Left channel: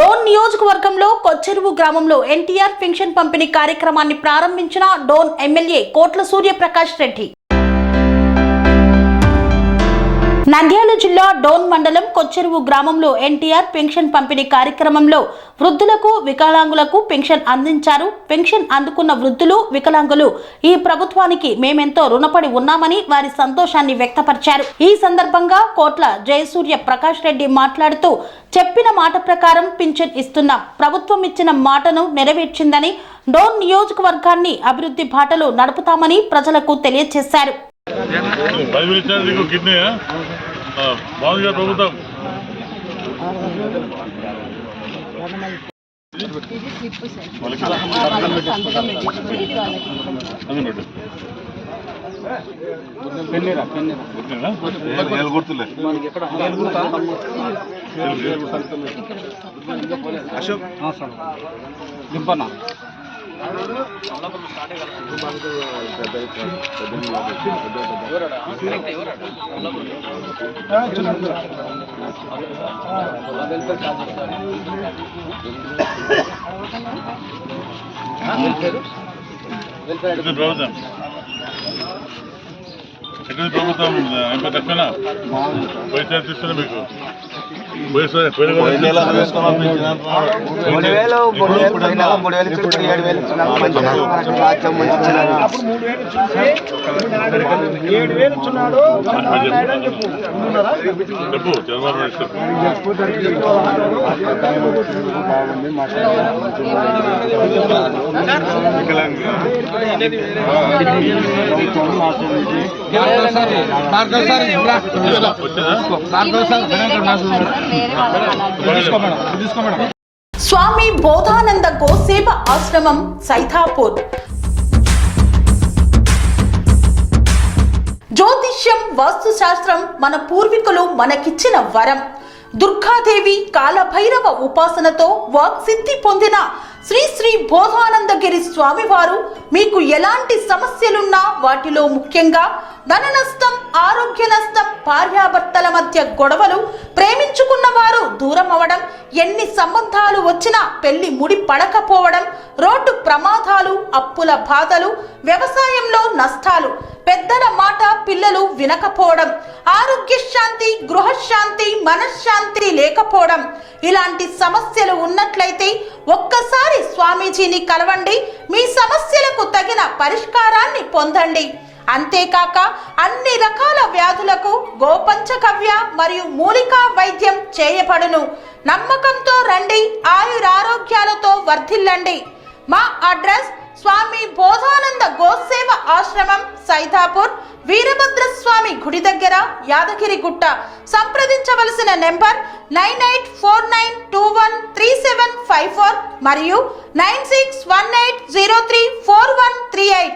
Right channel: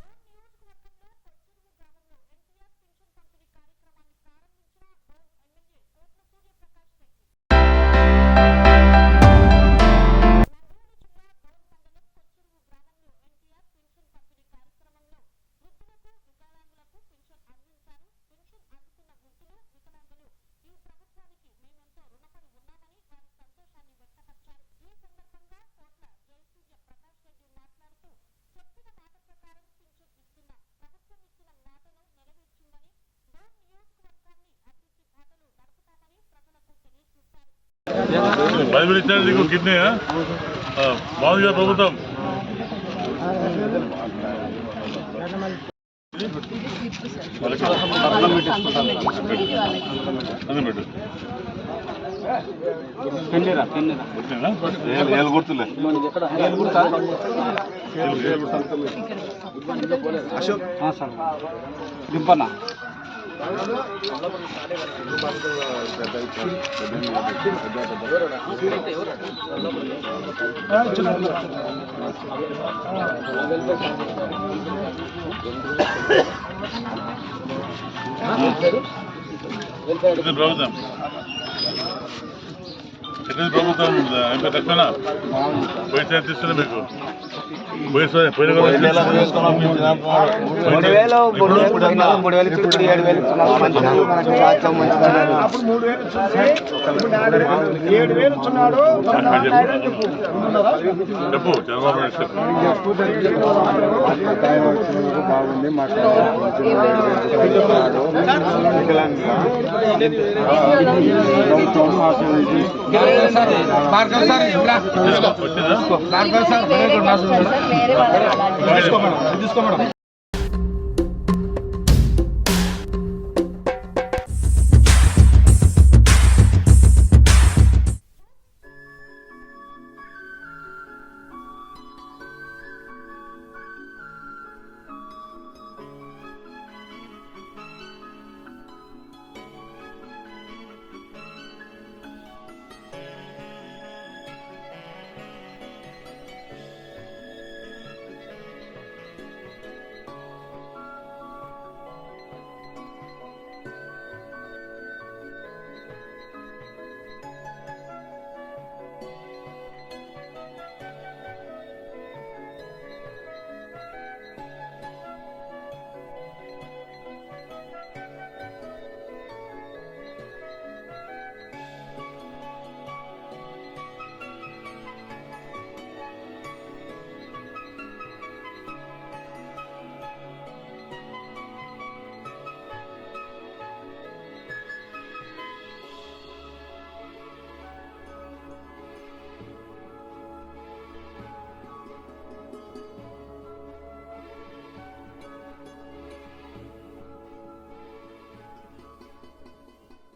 డోన్ నియోజకవర్గంలో కొచ్చెరువు గ్రామంలో ఎన్టీఆర్ పెన్షన్ పంపిణీ కార్యక్రమాన్ని ప్రారంభించిన డోన్ ఎమ్మెల్యే కోట్ల సూర్యప్రకాష్ రెడ్డి. నంద్యాల జిల్లా డోన్ మండలం కొచ్చెరువు గ్రామంలో ఎన్టీఆర్ పెన్షన్ పంపిణీ కార్యక్రమంలో వృద్ధులకు వికలాంగులకు పెన్షన్ అందించారు. పెన్షన్ అందుకున్న వృద్ధులు వికలాంగులు ఈ ప్రభుత్వానికి మేమెంతో రుణపడి ఉన్నామని వారి సంతోషాన్ని వ్యక్తపరిచారు. ఈ సందర్భంగా కోట్ల జయసూర్య ప్రకాష్ రెడ్డి మాట్లాడుతూ చెప్పిన మాట ప్రకారం పింఛన్ ఇస్తున్నాం, ప్రభుత్వం ఇచ్చిన మాటను నెరవేర్చిందని, డోన్ నియోజకవర్గాన్ని అభివృద్ధి బాటలో నడుపుతామని ప్రజలకు తెలియజేశారు. ప్రభుత్వం తక్కువనా పైసా తీస్తున్నా మీకు చెప్పు చంద్రబాబు బాగుంది స్వామి బోధానంద గోసేవ ఆశ్రమం సైథాపూర్. జ్యోతిష్యం, వాస్తుశాస్త్రం మన పూర్వీకులు మనకిచ్చిన వరం. దుర్గాదేవి, కాలభైరవ ఉపాసనతో వాక్సిద్ధి పొందిన శ్రీ శ్రీ బోధానందగిరి స్వామివారు మీకు ఎలాంటి సమస్యలున్నా, వాటిలో ముఖ్యంగా ధన నష్టం, ఆరోగ్య నష్టం, భార్యాభర్తల మధ్య గొడవలు, ప్రేమించుకున్న వారు దూరం అవడం, ఎన్ని సంబంధాలు వచ్చినా పెళ్లి ముడి పడకపోవడం, రోడ్డు ప్రమాదాలు, అప్పుల బాధలు, వ్యవసాయంలో నష్టాలు, పెద్దల మాట పిల్లలు వినకపోవడం, ఆరోగ్య శాంతి, గృహశాంతి, మనశ్శాంతి లేకపోవడం, ఇలాంటి సమస్యలు ఉన్నట్లయితే ఒక్కసారి స్వామీజీని కలవండి. మీ సమస్యలకు తగిన పరిష్కారాన్ని పొందండి. అంతేకాక అన్ని రకాల వ్యాధులకు గోపంచకవ్య మరియు మూలికా వైద్యం చేయబడును. నమ్మకంతో రండి, ఆయురారోగ్యాలతో వర్ధిల్లండి. మా అడ్రస్ స్వామి బోధానంద గోసేవ ఆశ్రమం సైథాపూర్, వీరభద్రస్వామి గుడి దగ్గర, యాదగిరిగుట్ట. సంప్రదించవలసిన నెంబర్ 9849213754 మరియు 9618034138.